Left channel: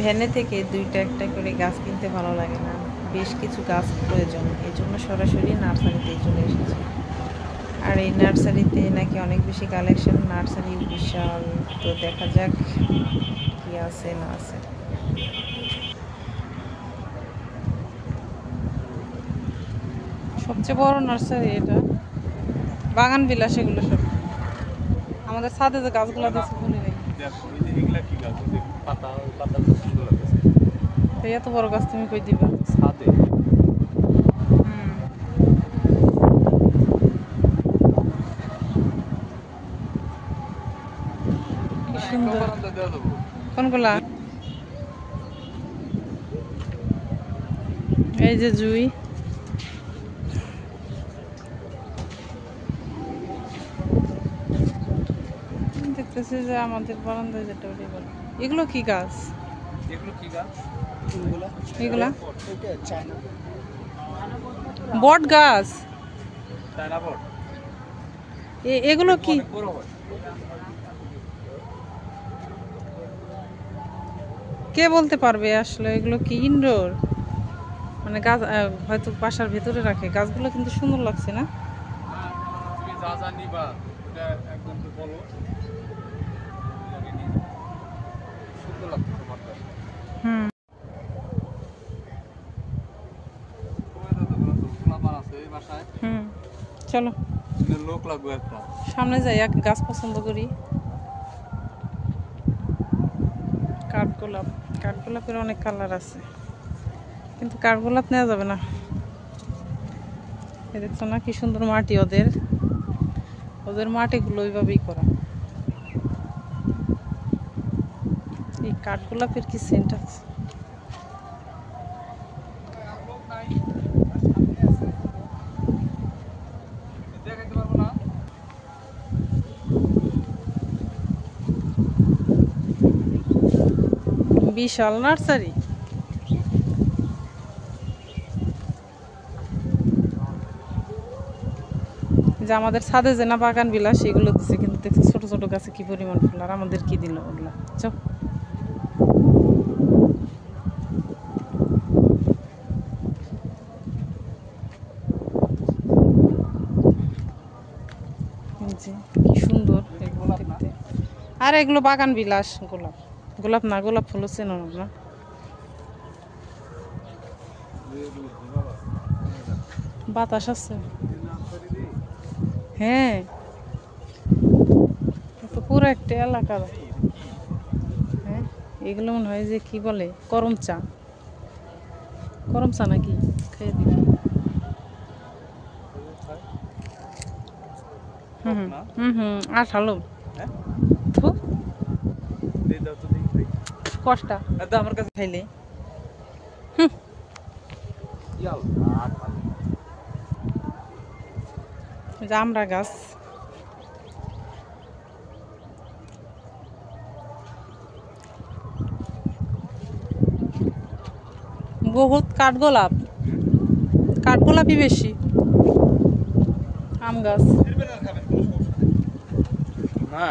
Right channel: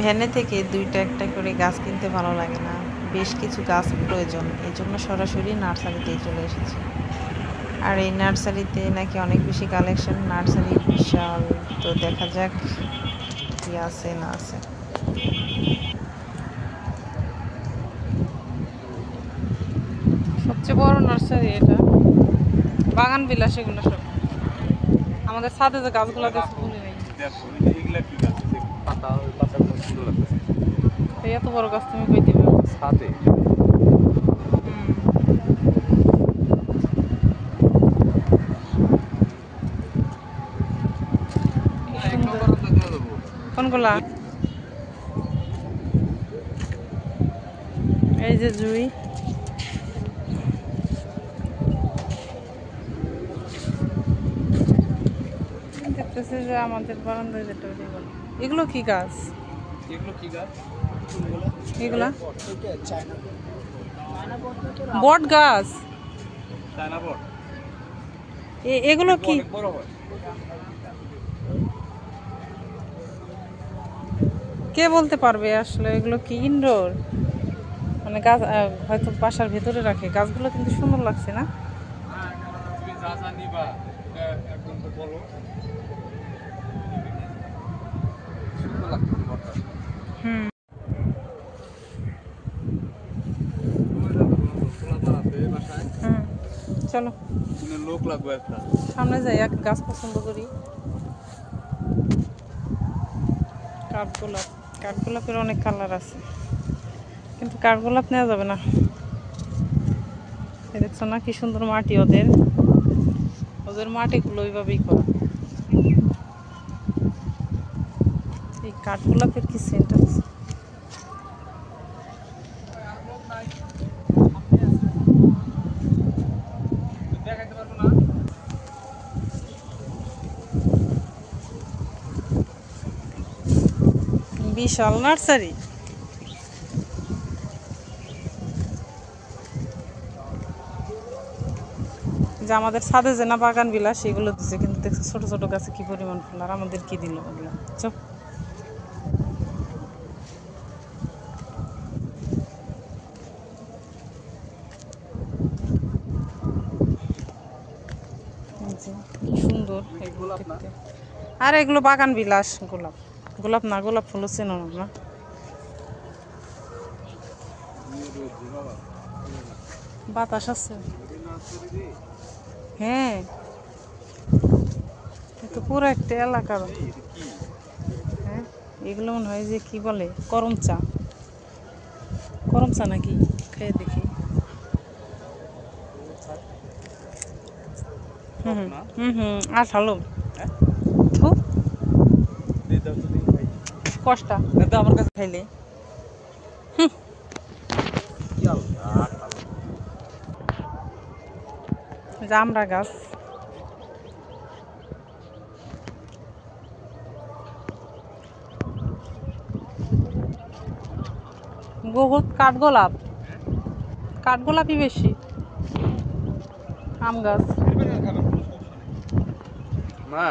ভ্যানে থেকে দুইটা একটা করে গাছ কিনতে ভালো লাগে না, বেশ কিছু গাছ প্রয়োজন, এই জন্য সরাসরি নার্সারিতেই চলে এসেছি। আর এই নার্সারিতে নাকি অনেক বেশি কালেকশন, নার্সারি বিশাল। তো দেখা যাক কি আছে না আছে। সবচেয়ে বড় নার্সারি এটা, বাগান বিলাস এগুলো সব। আমাদের ছাদে যে গাছগুলো দেখছি বলি নাই, এত বড় গাছ তুমি কই দিবে ছাদে? কোনগুলা? এই যে জুই, দেখতেছি যে আমাদের বারান্দায় যেটা, এগুলো কি গাছ? এগুলা বট গাছ। এগুলো কি? কে বলতে পারবে আসলে এগুলো কি ইনডোর, মানে গাছ হয়তো বাসার ভেতরে রাখে। গাছগুলো কিন্তু সুন্দর লাগছে না? হুম, চলো লোক লাগবে একটা, সামনে যাই, এক গাছ পছন্দ করি। কাঠগোলাপ, কাঠগোলাপের অনেক কালার আছে, কিন্তু কাঠগোলাপ নেওয়া যাবে না। দেখছো না কি সুন্দর মাটি ওদের, ওদের মাটিগুলো ওইভাবেই করা। এই কাঠগোলাপের কি সেন্ট আছে! বিশাল নার্সারি। যে আমাদের ছাদে যে না বাগান বিলাস সেগুলো দিচ্ছে, কিন্তু দেখছি ছোট ছোট গাছে কি পরিমাণ ফুল। আর আমাদের কি দিল ওগুলো? চপ কি সুন্দর এগুলো। আর এগুলো বাগান বিলাস, গোলাপ। গোলাপ না, গোলাপ ফুল চেনো না? বাতাস আছে, হ্যাঁ। তো পুরো একটা এলাকা। হ্যাঁ, এগুলো মনে হয় যে কি বলে, করম চা। করম চা নাকি? খেয়ে দেখি। আর ভালো কষ্টা আমার কাছে খাইলে। জামরা গাছ, বহুত কাঠগোলাপ, কাঠগোলাপই বেশি। আম গাছ না,